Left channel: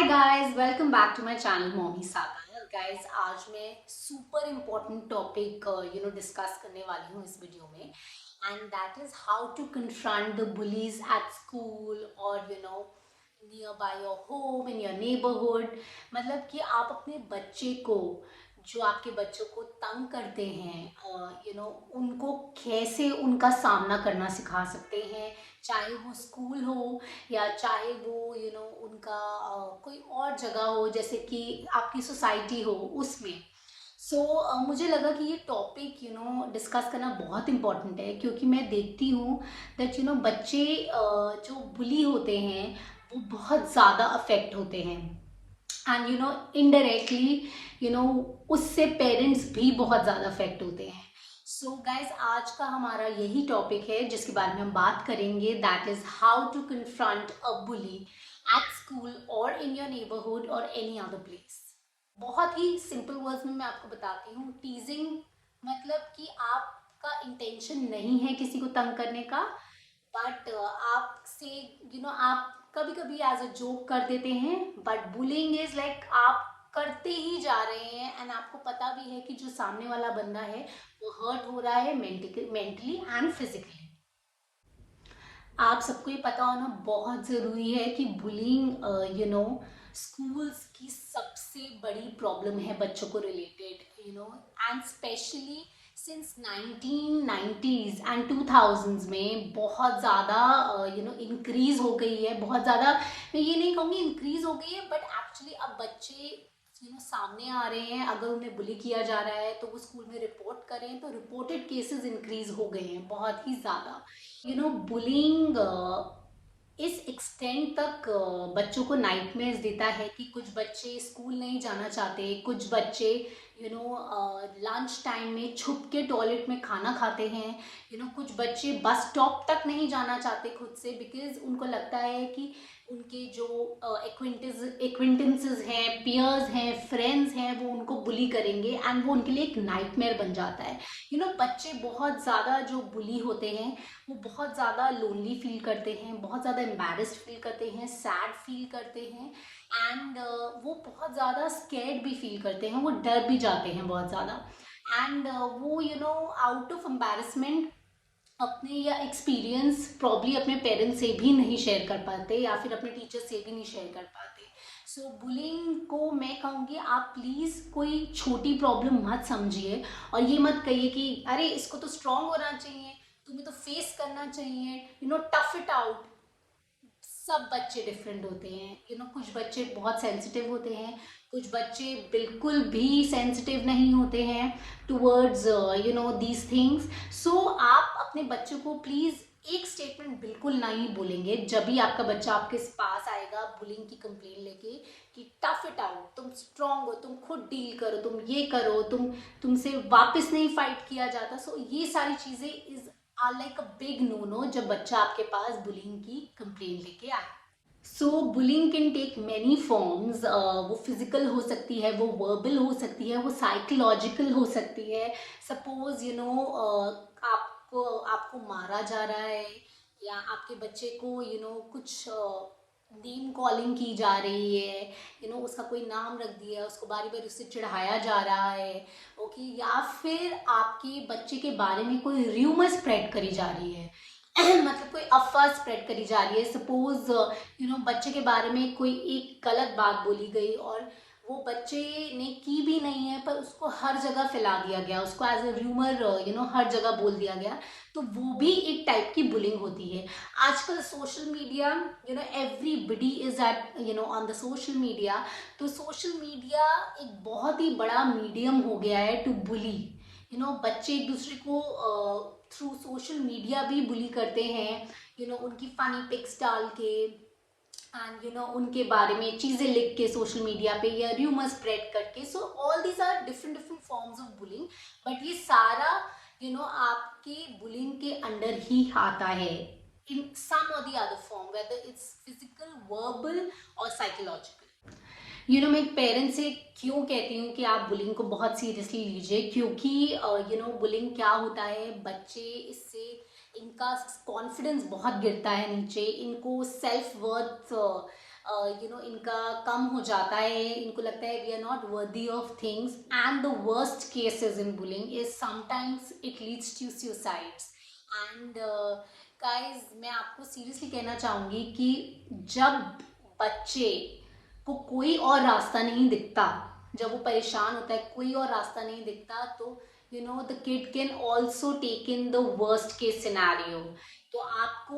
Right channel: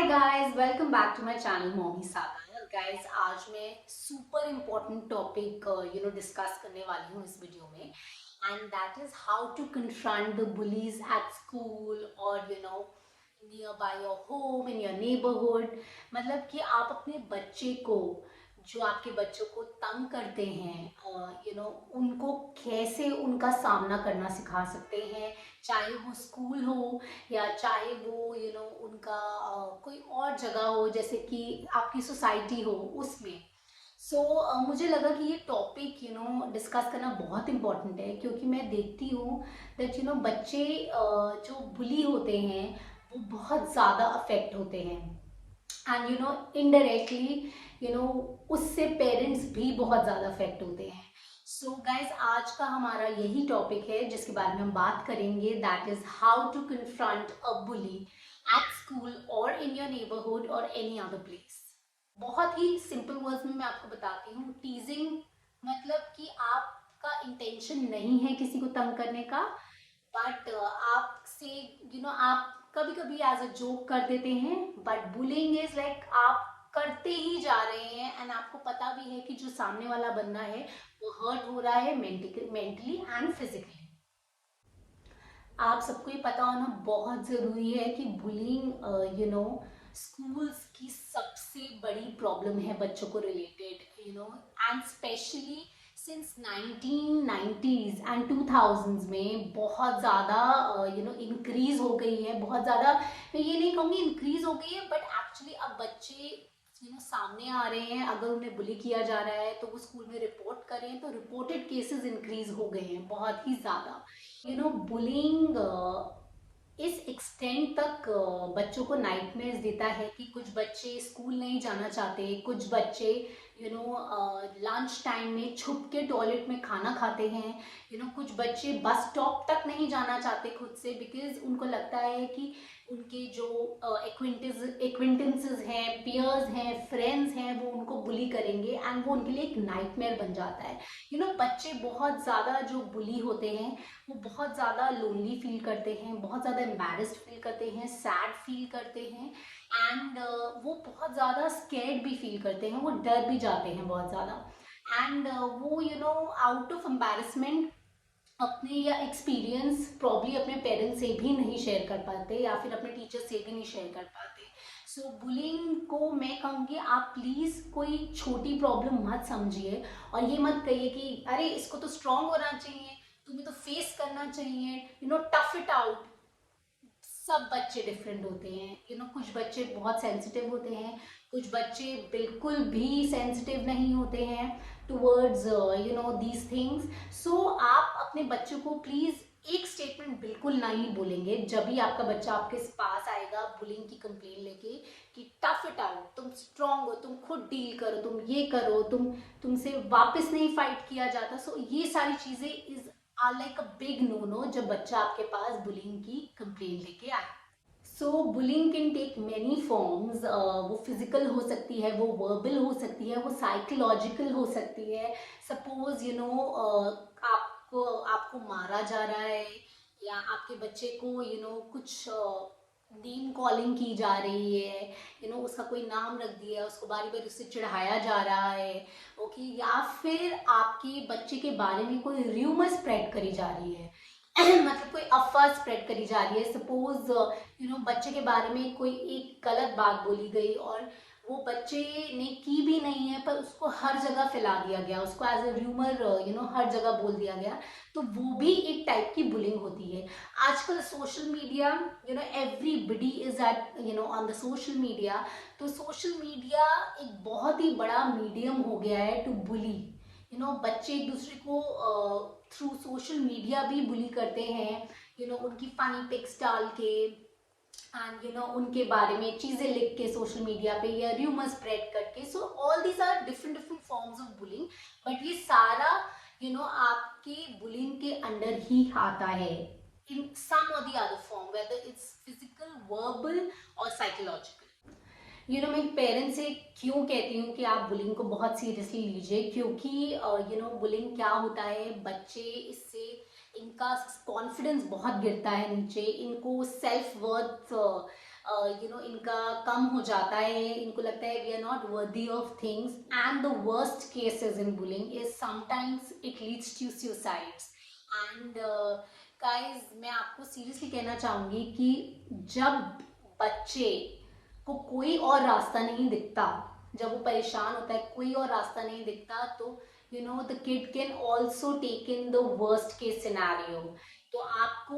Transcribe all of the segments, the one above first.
Hi guys, welcome back to my channel Mommy Saga. Guys, आज मैं super important topic discuss करने वाली हूँ इस वीडियो में, and that is how to confront the bullies at school और nearby your home, in your neighbourhood. मतलब कि आप अपने बच्चे को, जो आपके बच्चों को तंग करते हैं, उनको कैसे उनका सामना करना सिखा सकते हैं, चाहे वो स्कूल हो या चाहे वो उनका कोई और जगह हो, जैसे कि आपकी सोसाइटी हो उसमें। मुझे लगा कि ये टॉपिक डिस्कस करना बहुत इम्पोर्टेंट है, क्योंकि मैं देखती हूँ दैट बच्चे जो बुली होते हैं वो बहुत ज़्यादा अफेक्ट होते हैं, एंड इनडायरेक्टली उससे पेरेंट्स भी बहुत ज़्यादा अफेक्ट होते हैं। सो गाइज, आज का हमारा यही टॉपिक है जिसके बारे में हम बात करेंगे, that is how to confront a bully at school और इन योर नेबरहुड और एनी अदर प्लेस। बहुत ही सिंपल वर्ड्स में मैं आपको बताती हूँ। टीजिंग मतलब कि आपका इंटेंशन नहीं है किसी को तंग करने का, बट आपसे आप कभी कभी एज अ जोक कर देते हैं, बट बुलिंग इज लाइक आप करते ही जा रहे हैं, एंड आपको पता भी है कि जो सामने वाला बंदा है वो हर्ट हो रहा है मेंटली एंड फिजिकली। आप सबको ये पता होना बहुत ज़रूरी है कि बुलिंग स्कूल्स की सबसे बड़ी प्रॉब्लम है बच्चों को related, and specially since 1990s and 2000s में बहुत ज़्यादा इंक्रीज हो गई है। बहुत ज़्यादा, मैं ये नहीं कहूँगी इंक्रीज हो गई है, बट एक्चुअली अब बच्चे सामने आ रहे हैं। अगर उन्हें बुली किया जा रहा है तो वो स्कूल में रिपोर्ट करें, तो रिपोर्टेड केसेस इंक्रीज हो गए हैं बहुत ही ज़्यादा। बुलिंग इस एक्सटेंट तक बच्चों को नाइटमेयर्स देता है कि कुछ बच्चे स्कूल नहीं जाना चाहते, कुछ बच्चे लंच टाइम में छुप के टॉयलेट में खाना खाते हैं, कुछ बच्चे बस स्टॉप तक नहीं जाना चाहते खुद से, बिकॉज उनको लगता है कि उनके जो एक्विंटेंसेस हैं, पियर्स हैं, फ्रेंड्स हैं, वो उनको बुली करेंगे, एंड वो उनके लिए एक नाइटमेयर बन जाता है। बच्चे बहुत ज़्यादा जो बुली होते हैं वो बहुत ज़्यादा लोनली फील करते हैं, बहुत ज़्यादा एम्बैरेस्ड फील करते हैं, सैड फील करते हैं, एंड वो बहुत ज़्यादा स्कैर्ड भी फील करते हैं, वो डर भी जाते हैं बहुत ज़्यादा, एंड वो आउट ऑफ एम्बैरेसमेंट अपने या एक्सपीरियंस प्रॉब्ली अपने पेरेंट्स से भी नहीं शेयर कर पाते, या फिर अपने टीचर से भी नहीं शेयर कर पाते। बुलिंग को मैं कहूँगी, आप प्लीज़ कोई छोटी प्रॉब्लम मत समझिए, और ये मत कहिए कि अरे इसको तो स्ट्रांग होना चाहिए, तुम्हें तो फेस करना चाहिए, टफ इट आउट। सब बच्चे डिफरेंट होते हैं, कुछ बच्चे बहुत सेंसिटिव होते हैं, कुछ बच्चे बिल्कुल भी सेंसिटिव नहीं होते हैं टूवर्ड्स दीज थिंग्स। आप अपने बच्चों को प्लीज़ एक स्टेटमेंट बिल्कुल नहीं बोलेंगे जब भी आपका बच्चा आपके पास आएगा बुलिंग की कंप्लेन लेके, कि टफ इट आउट, तुम स्ट्रांग हो, तुम खुद डील करो, तुम ये करो, तुमसे वापस नहीं फाइट किया जाता। ये सारी चीज़ें is are like a big no no जब बच्चा आपके पास बुलिंग की कंप्लेन लेके आए। Bullying can take many forms. वो फिजिकल हो सकती है, वो वर्बल हो सकती है, वो साइकोलॉजिकल हो सकती है। सपोज आपको आपको मारा जा रहा है, या आपके बच्चे को कुछ नेम कॉलिंग की जा रही है, उसका कोई नाम रख दिया, उसको बारी बारी उससे चिढ़ाया जा रहा है, ओके, या फिर आपके बच्चे के बारे में कोई र्यूमर स्प्रेड करी जा रही है मतलब कोई अफवाह स्प्रेड करी जा रही है। सपोज बच्चे के बारे में कोई एक गलत बात बोली गई, और वो बच्चे ने की भी नहीं है, पर उसको हर जगह फैला दिया गया, उसको एज ए र्यूमर हर जगह बोल दिया गया, तो वो भी एक टाइप की बुलिंग होती है। आजकल social media, everybody is at on the social media. तो सोशल मीडिया एक बहुत ही बड़ा मीडियम हो गया है टू बुली। बच्चे एक दूसरे को थ्रू सोशल मीडिया भी बुली करते हैं, उनकी फनी पिक्स डाल के, एंड उनके बारे में चीज़ें लिख के सोशल मीडिया पे, या र्यूमर स्प्रेड करके। All these are different different forms of bullying, but ये सारा आपके बुलिंग के अंडर ही आता है, इन सम और the other form, whether it's physical, verbal और साइकोलॉजिकल। मैं एक पेरेंट से क्यों कहती हूँ कि आप बुलिंग को बहुत सीरियसली लीजिए, क्योंकि बुलिंग क्या होता है, बच्चे इससे इनका कॉन्फिडेंस बहुत गिरता है नीचे, इनको सेल्फ वर्थ इनका कम हो जाता है, इनको लगता है we are not worthy of things, and the worst cases in bullying is sometimes it leads to suicides. And guys, मैं आपको सीरियसली कहना चाहूँगी कि जब बच्चे को कोई और रास्ता नहीं दिखता, जब वो परेशान होता है, कोई और रास्ता नहीं दिखता, तो the kid can also take in the worst case scenario. तो आपको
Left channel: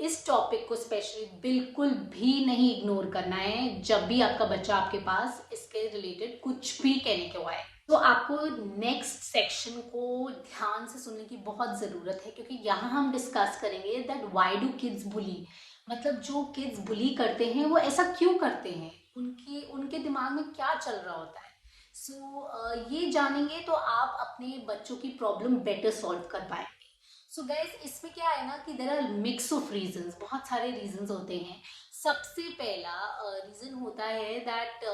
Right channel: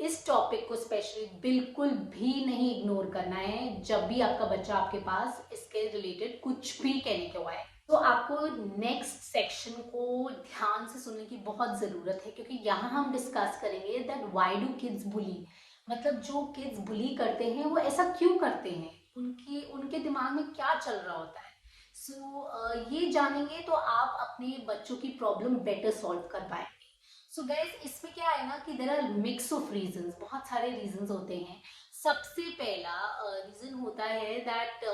इस टॉपिक को स्पेशली बिल्कुल भी नहीं इग्नोर करना है जब भी आपका बच्चा आपके पास इसके रिलेटेड कुछ भी कहने को आए। तो आपको नेक्स्ट सेक्शन को ध्यान से सुनने की बहुत ज़रूरत है, क्योंकि यहाँ हम डिस्कस करेंगे दैट व्हाई डू किड्स बुली, मतलब जो किड्स बुली करते हैं वो ऐसा क्यों करते हैं, उनके दिमाग में क्या चल रहा होता है। ये जानेंगे तो आप अपने बच्चों की प्रॉब्लम बेटर सॉल्व कर पाएंगे। सो गाइस, इसमें क्या है ना कि there are mix of reasons, बहुत सारे रीजंस होते हैं। सबसे पहला रीजन होता है दैट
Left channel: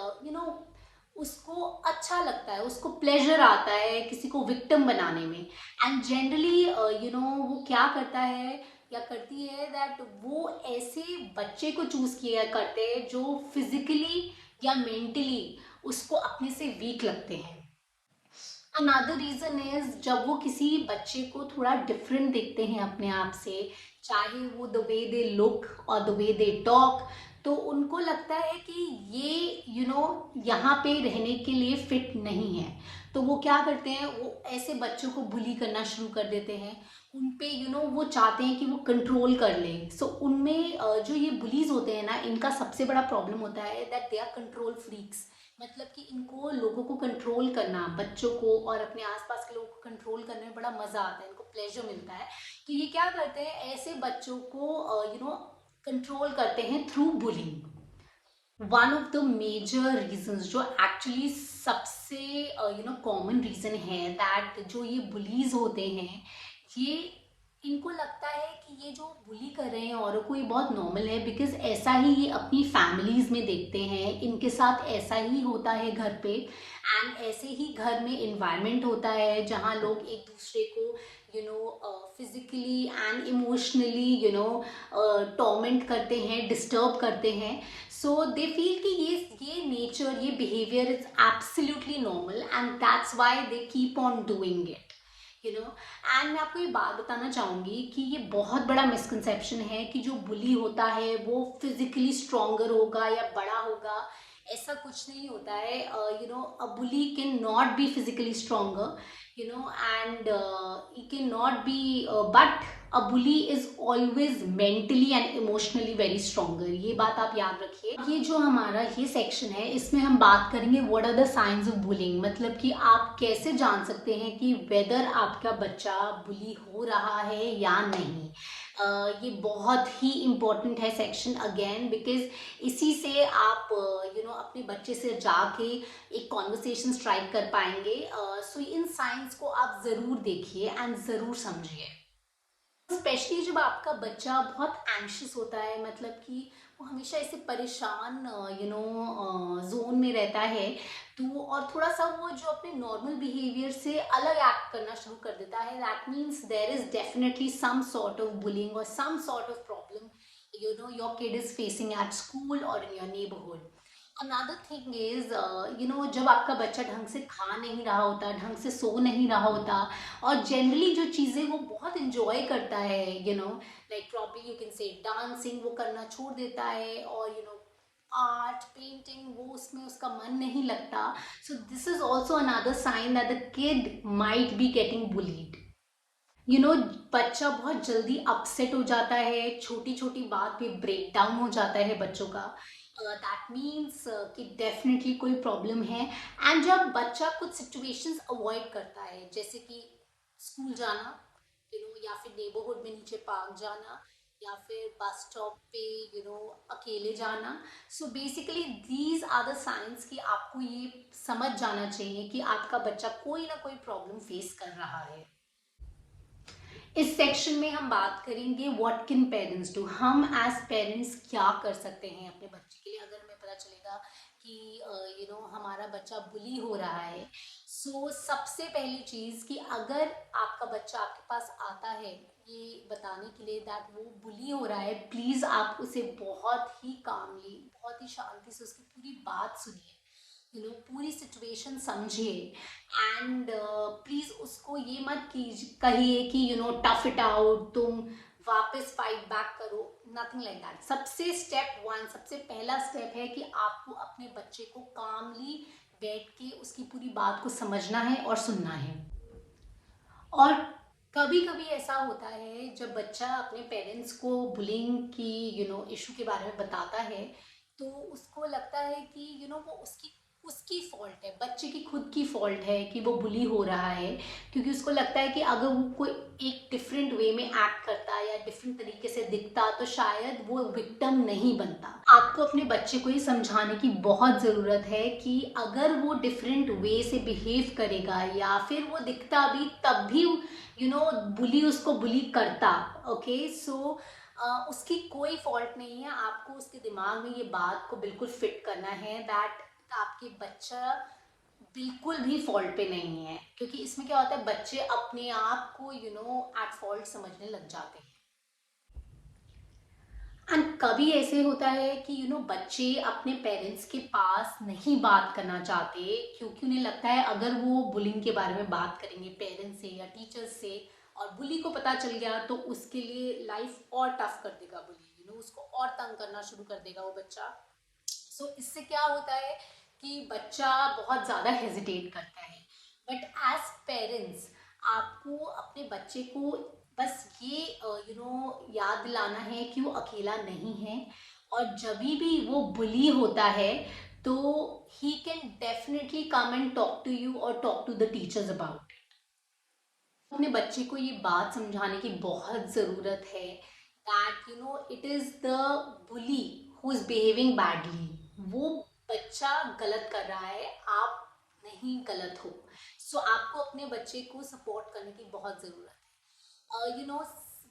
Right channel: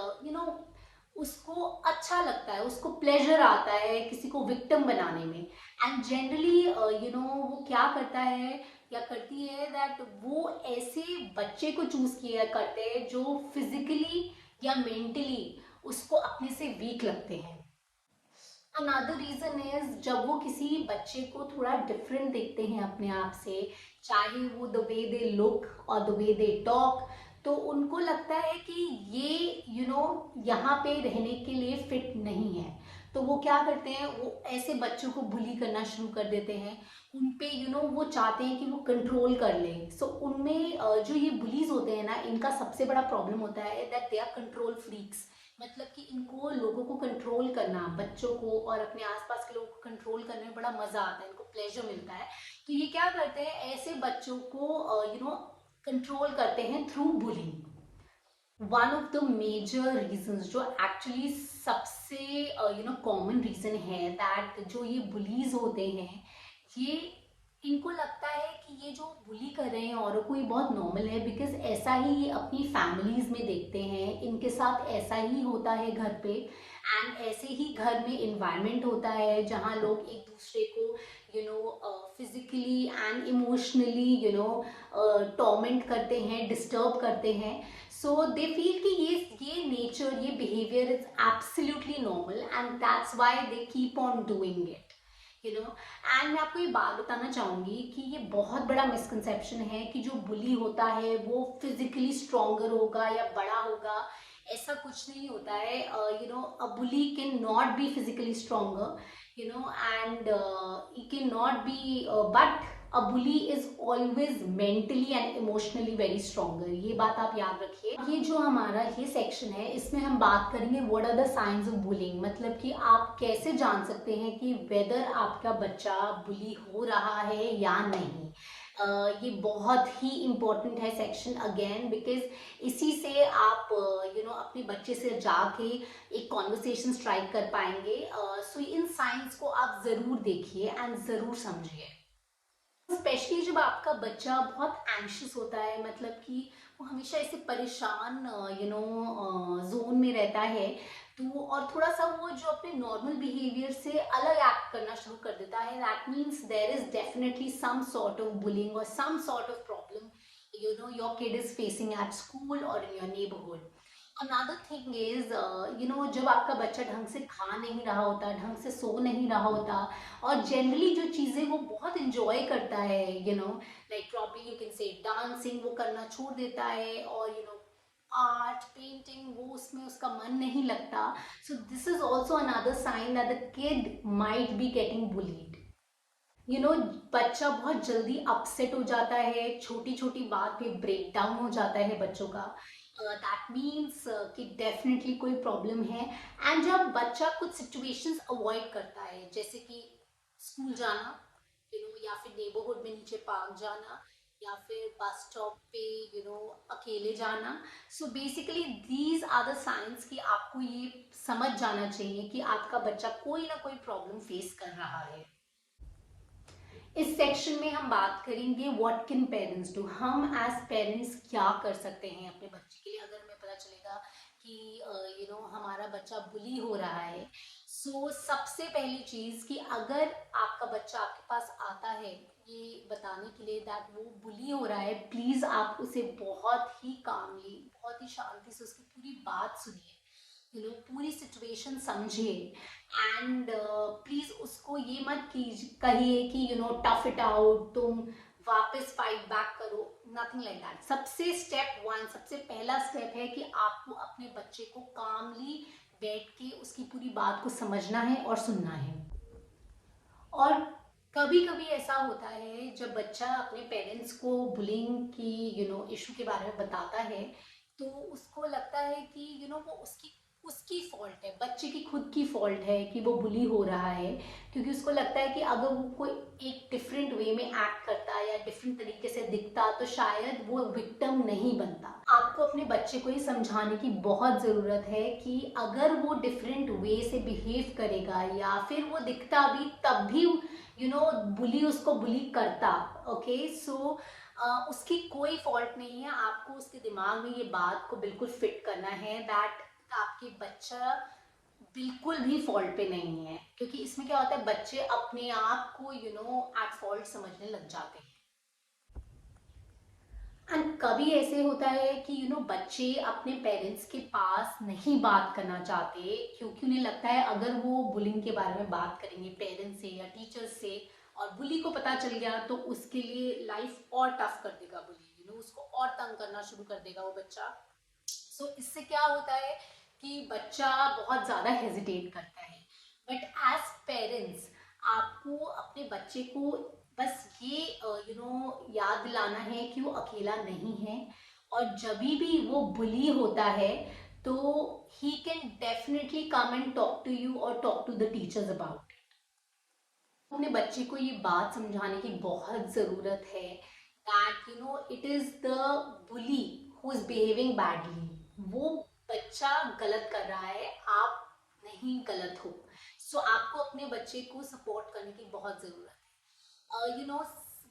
उसको अच्छा लगता है, उसको प्लेजर आता है किसी को विक्टिम बनाने में। एंड जनरली वो क्या करता है या करती है दैट वो ऐसे बच्चे को चूज किया करते हैं जो फिजिकली या मेंटली उसको अपने से वीक लगते हैं। अनदर रीजन इज जब वो किसी बच्चे को थोड़ा डिफरेंट देखते हैं अपने आप से, चाहे वो द वे दे लुक और द वे दे टॉक, तो उनको लगता है कि ये यहाँ पे रहने के लिए फिट नहीं है। तो वो क्या करते हैं, वो ऐसे बच्चों को बुली करना शुरू कर देते हैं। उन पे वो चाहते हैं कि वो कंट्रोल कर लें। सो उनमें जो ये बुलीज होते हैं ना, इनका सबसे बड़ा प्रॉब्लम होता है that they are control freaks. मतलब कि इनको लोगों को कंट्रोल करना, बच्चों को और अपने आसपास के लोगों को कंट्रोल करने में बड़ा मजा आता है, इनको प्लेजर मिलता है। तो ये क्या करते हैं, ऐसे बच्चों को कंट्रोल करते हैं through bullying. One of the major reasons जो एक्चुअली सबसे कॉमन रीजन है दैट जो ये बुलीज होते हैं, ये इनको लगता है कि ये जो बुली कर रहे हैं औरों को, ये बहुत नॉर्मल है, बिकॉज ऐसा ही ये अपनी फैमिलीज में देखते हैं, इनके साथ ऐसा ही होता है घर पे। एंड ऐसे ही घर में इन्वायरमेंट होता है जहाँ लोग एक दूसरे को फिजिकली एंड इमोशनली टॉर्मेंट करते हैं, डिस्टर्ब करते हैं। सो दे फील कि ये नेचर, ये behaviour is absolutely normal and that's why they keep on doing it. And मैं आपको ये बात बताना चाहूँगी कि ये बहुत बड़ा मिसकंसेप्शन है कि जो बुली होता है वो फिजिकली स्ट्रॉन्गर होगा या बड़ा होगा। ऐसा कुछ नहीं होता है। A bully can not be physically stronger, and he cannot be but a bully is always mentally and emotionally very stronger। ये बात आप याद रखिए। ये जो हमारा ये सेक्शन है, इसमें हम बात करेंगे what are the science of bullying, मतलब कि आप कैसे जान सकते हैं कि वेदर आपका बच्चा बुली हो रहा है या नहीं। ये बहुत ही इम्पोर्टेंट है सेक्शन अगेन, बिकॉज इसी से आप अपने बच्चे से जाके एक कॉन्वर्सेशन स्ट्राइक कर पाएंगे। सो इन साइंस को आप ज़रूर देखिए एंड ज़रूर समझिए। स्पेशली जब आपका बच्चा बहुत एंशियस होता है, मतलब कि वो हमेशा ऐसे परेशान जोन में रहता है, तो और थोड़ा सा वो जो अपने नॉर्मल बिहेवियर से अलग एक्ट करना शुरू कर देता है, that means there is definitely some sort of bullying और some sort of problem your kid is facing at school और in your neighbourhood. Another thing is जब आपका बच्चा ढंग से खा नहीं रहा होता, ढंग से सो नहीं रहा होता, और जनरली जो चीज़ें वो बहुत इंजॉय करता है, like probably you can say dancing, वो करना छोड़ देता है, और आर्ट पेंटिंग, वो उसमें उसका मन नहीं लगता। So this is also another sign that the kid might be getting bullied. बच्चा बहुत जल्दी अपसेट हो जाता है, छोटी छोटी बात पे ब्रेक डाउन हो जाता है बच्चों का। दैट मीन्स कि डेफिनेटली कोई प्रॉब्लम है। एंड जब बच्चा कुछ सिचुएशंस अवॉइड करता है, जैसे कि स्कूल जाना, या फिर नेबरहुड में नीचे पार्क जाना, या फिर बस स्टॉप पे अकेले जाना। So basically these are the science कि आपको ये समझ जाना चाहिए कि आपका बच्चा कोई ना कोई प्रॉब्लम फेस कर रहा है। इस सेक्शन में हम बात करेंगे व्हाट कैन पेरेंट्स डू, हम एज पेरेंट्स क्या कर सकते हैं अपने बच्चे के लिए, अगर हमें पता चलेगा कि हमारा बच्चा बुली हो रहा है। सबसे पहली चीज कि अगर आपका बच्चा आपके पास आता है ये बताने के लिए दैट वो बुली हो रहा है, प्लीज आप उसे बहुत ही कामली, बहुत ही शांति से उसकी पूरी बात सुनिए, पूरी सिचुएशन समझिए। एंड प्लीज उसको ये मत कीजिए, कहिए कि टफ इट आउट, तुम वापस फाइट बैक करो, नथिंग लाइक दैट। सबसे पहला स्टेप है कि आपको अपने बच्चे को कामली बैठ के उसकी पूरी बात को समझना है और सुनना है। और कभी कभी ऐसा होता है जब बच्चा अपने पेरेंट्स को बुलिंग की इशू के बारे में बताता है, तो उसको लगता है कि वो उसकी उसकी फॉल्ट है, बच्चे की खुद की फॉल्ट है कि वो बुली हो रहा है, क्योंकि उसको लगता है कि अगर वो कोई एक डिफरेंट वे में एक्ट करता या डिफरेंट तरीके से दिखता तो शायद वो विक्टिम नहीं बनता। आपको अपने बच्चे को ये समझाने की बहुत ज़रूरत है कि अगर वो डिफरेंट वे से बिहेव करेगा या फिर वो दिखता भी तब भी बुली उसको बुली करता, ओके, उसकी कोई फॉल्ट नहीं है। आपको उसके दिमाग में ये बात को बिल्कुल फिट करना है दैट आपके बच्चा बिल्कुल भी फॉल्ट पे नहीं है, क्योंकि इसमें क्या होता है, बच्चे अपने आप को एट फॉल्ट समझने लग जाते हैं। एंड कभी ऐसे होता है कि बच्चे अपने पेरेंट्स के पास नहीं बात करना चाहते, क्योंकि उन्हें लगता है अगर वो बुलिंग के बारे में बात करेंगे पेरेंट्स से या टीचर्स से और बुली को पता चल गया तो उसके लिए लाइफ और टफ कर देगा बुली, उसको और तंग करना शुरू कर देगा वो बच्चा। इससे क्या होता है कि बच्चा बहुत ज़्यादा हेजिटेट करता है। बट एज पेरेंट्स आपको अपने बच्चे को बस ये याद दिलाना है कि वो अकेला नहीं है, और जब भी वो बुली होता है तो he can definitely come and talk to you और talk to the teachers about it. अपने बच्चे को ये बात समझाने की बहुत ज़रूरत है that it is the bully who is behaving badly. वो बच्चा गलत कर रहा है, आप नहीं गलत हो। आपको अपने बच्चे को सपोर्ट करने की बहुत ज़रूरत है।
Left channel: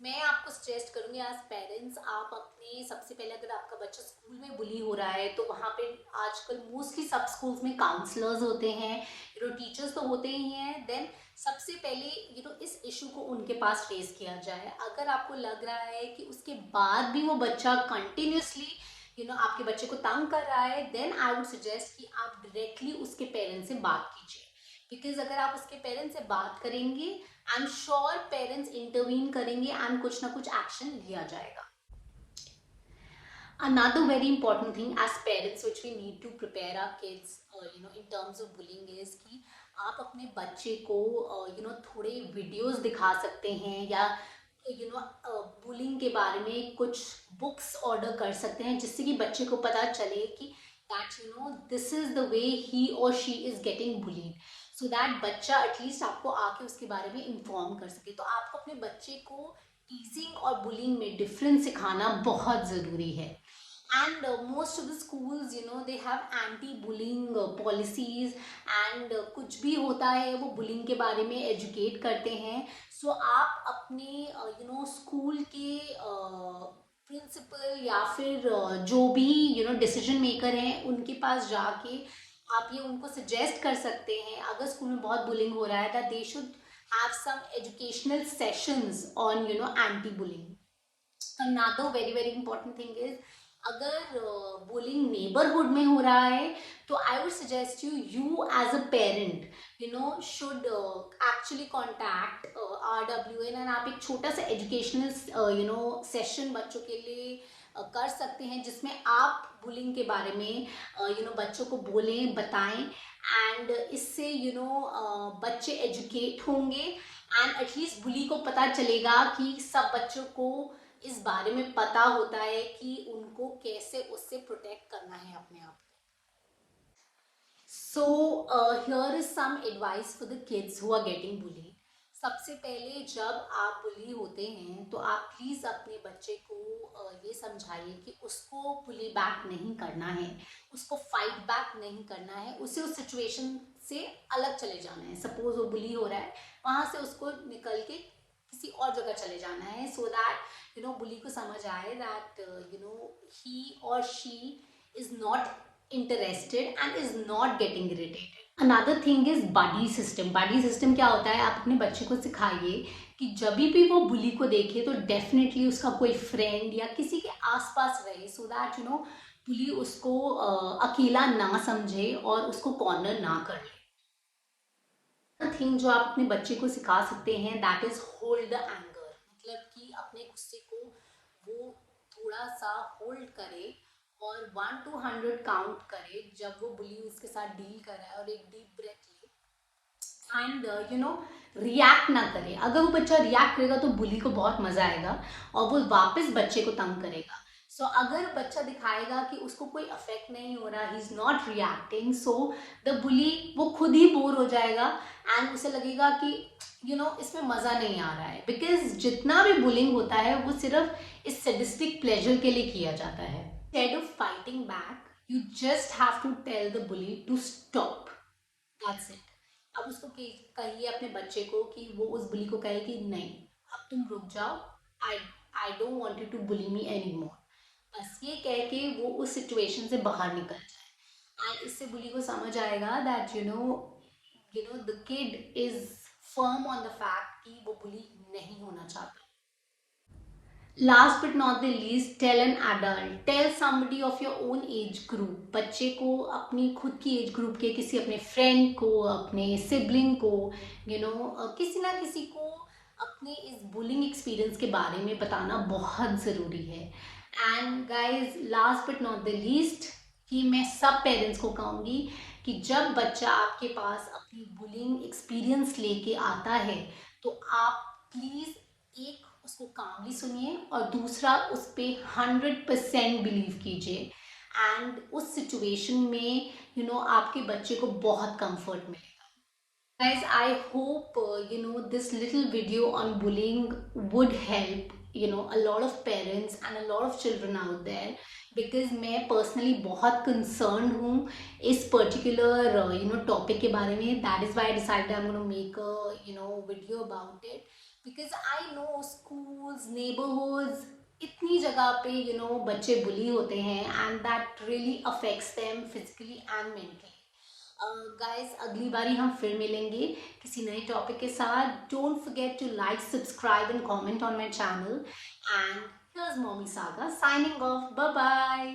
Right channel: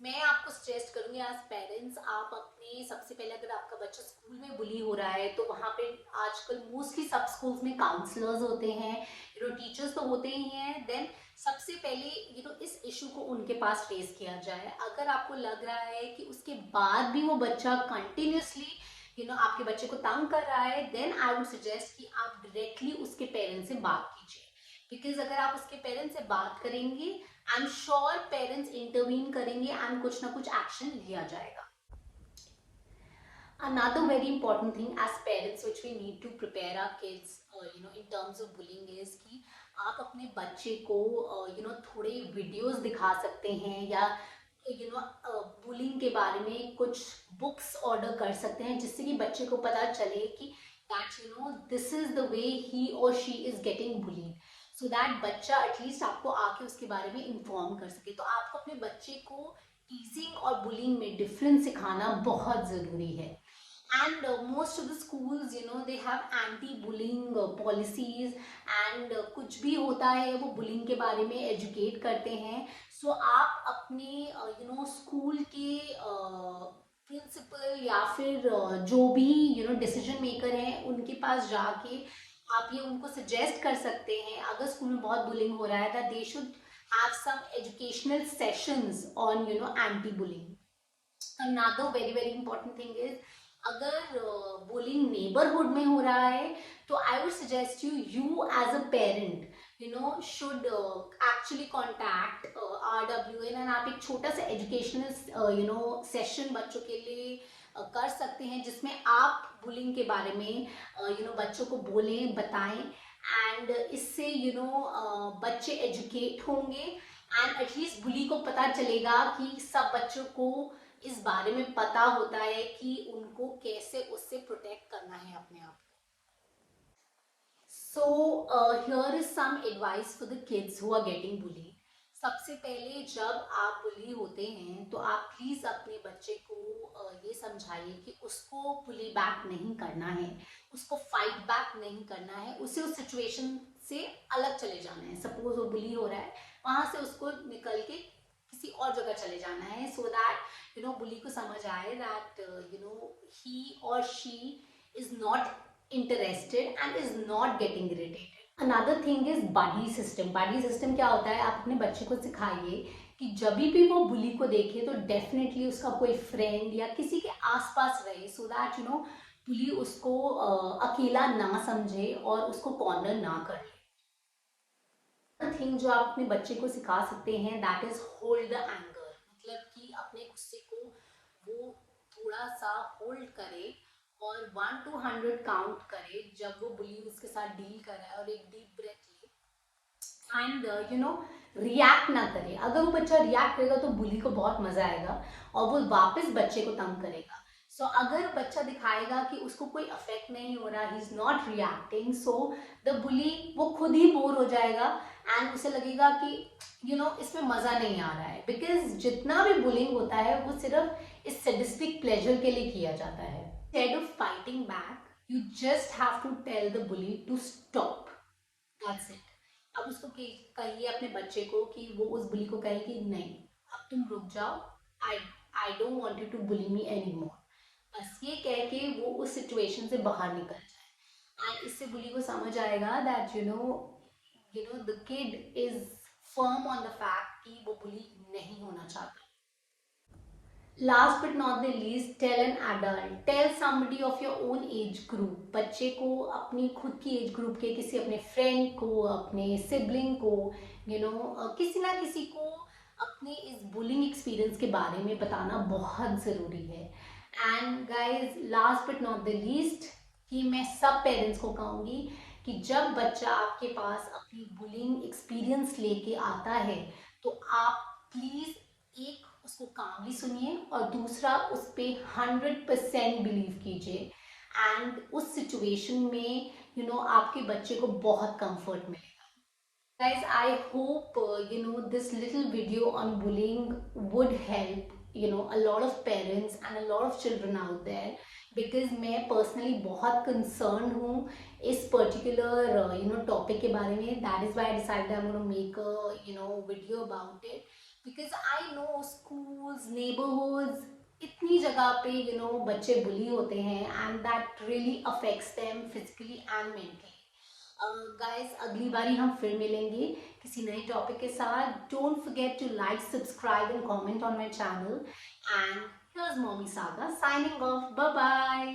मैं आपको सजेस्ट करूंगी एज पेरेंट्स, आप अपने सबसे पहले अगर आपका बच्चा स्कूल में बुली हो रहा है तो वहाँ पे आजकल मोस्टली सब स्कूल्स में काउंसलर्स होते हैं, टीचर्स तो होते ही हैं। देन सबसे पहले इस इशू को उनके पास रेज किया जाए। अगर आपको लग रहा है कि उसके बाद भी वो बच्चा कंटिन्यूसली आपके बच्चे को तंग कर रहा है, देन आई वुड सजेस्ट कि आप डायरेक्टली उसके पेरेंट्स से बात कीजिए, बिकॉज अगर आप उसके पेरेंट्स से बात करेंगे I am sure parents intervene करेंगे एंड कुछ ना कुछ एक्शन लिया जाएगा। Another very important thing as parents which we need to prepare our kids in terms of bullying is कि आप अपने बच्चे को थोड़े वीडियोस दिखा सकते हैं या बुलिंग के बारे में कुछ बुक्स ऑर्डर कर सकते हैं, जिससे कि बच्चे को पता चले कि that this is the way he और she is getting bullied, so that बच्चा एटलीस्ट आपको आके उसके बारे में इन्फॉर्म कर सके। तो आपको अपने बच्चे को टीजिंग और बुलिंग में डिफरेंस सिखाना बहुत ज़रूरी है। And most of the schools they have anti-bullying policies and कुछ भी होता है वो bullying के बारे में educate करते हैं। आप अपने स्कूल के प्रिंसिपल या फिर जो भी डिसीजन मेकर हैं उनके पास जाके आप ये उनको सजेस्ट कर सकते हैं, अगर स्कूल में बहुत बुलिंग हो रहा है, that they should have some educational sessions on anti-bullying. Another very very important thing is अगर बुलिंग नेबरहुड में हो रहा है तो I would suggest you as a parent should actually contact RWN and आप एक छोटा सा एजुकेशनल सेशन बच्चों के लिए कर सकते हैं, जिसमें आप बुलिंग के बारे में बच्चों को बोलें, बताएं, एंड इससे बच्चे एजुकेट होंगे एंड एटलीस्ट बुली को पता चलेगा कि सब बच्चों को इस बारे में पता होता है कि उनको कैसे उससे प्रोटेक्ट करना है अपने आप को। Here is some advice for the kids who are getting bullied. सबसे पहले जब आप बुली होते हैं तो आप प्लीज़ अपने बच्चे को ये समझाइए कि उसको बुली बैक नहीं करना है, उसको फाइट बैक नहीं करना है, उसे उस सिचुएशन से अलग चले जाना है। सपोज वो बुली हो रहा है, वहाँ से उसको निकल के किसी और जगह चले जाना है, सो दैट बुली को समझ आए दैट ही और she is not interested and is not getting irritated. Another thing is buddy system. Buddy system क्या होता है, आप अपने बच्चे को सिखाइए कि जब भी वो बुली को देखे तो डेफिनेटली उसका कोई फ्रेंड या किसी के आसपास रहे, सो दैट बुली उसको अकेला ना समझे और उसको कॉर्नर ना कर ले। थिंग जो आप अपने बच्चे को सिखा सकते हैं that is hold the anger, मतलब कि अपने गुस्से को वो थोड़ा सा होल्ड करे और 1 to 100 काउंट करे जब वो बुली उसके साथ डील कर रहा है, और एक डीप ब्रेथ ले एंड रिएक्ट ना करे। अगर वो बच्चा रिएक्ट करेगा तो बुली को बहुत मजा आएगा और वो वापस बच्चे को तंग करेगा। सो अगर बच्चा दिखाएगा कि उसको कोई अफेक्ट नहीं हो रहा, he is not reacting, so the बुली वो खुद ही बोर हो जाएगा एंड उसे लगेगा कि इसमें मजा नहीं आ रहा है, बिकॉज जितना भी बुलिंग होता है वो सिर्फ इस सैडिस्टिक प्लेजर के लिए किया जाता है। Instead of fighting back, you just have to tell the bully to stop, that's it. अब उसको कहिए अपने बच्चे को कि वो उस बुली को कहे कि नहीं, अब तुम रुक जाओ, I I don't want you to bully me any more. बस ये कह के वो उस सिचुएशन से बाहर निकल जाए एंड इससे बुली को समझ आएगा that the kid is firm on the fact कि वो बुली नहीं होना चाहता। Last but not the least, tell an adult, tell somebody of your own age group. बच्चे को अपनी खुद की एज ग्रुप के किसी अपने फ्रेंड को, अपने सिबलिंग को, किसी ना किसी को अपने इस बुलिंग एक्सपीरियंस के बारे में बताना बहुत ज़रूरी है। And guys last but not the least, कि मैं सब पेरेंट्स को कहूँगी कि जब बच्चा आपके पास अपनी बुलिंग एक्सपीरियंस लेके आता है तो आप प्लीज़ एक उसको कामली सुनिए और दूसरा उस पर 100% बिलीव कीजिए एंड उस सिचुएशन में आपके बच्चे को बहुत कंफर्ट मिलेगा। Guys, I hope this little video on bullying would help a lot of parents and a lot of children out there, because मैं personally बहुत concerned हूँ इस particular topic के बारे में। That is why I decided I'm going to make a video about it, because I know schools, neighborhoods, इतनी जगह पे बच्चे bully होते हैं and that really affects them physically and mentally. Guys अगली बारी हम फिर मिलेंगे किसी नए टॉपिक के साथ। Don't forget to like, subscribe and comment on my channel and here's Mommy Saga signing off. Bye bye.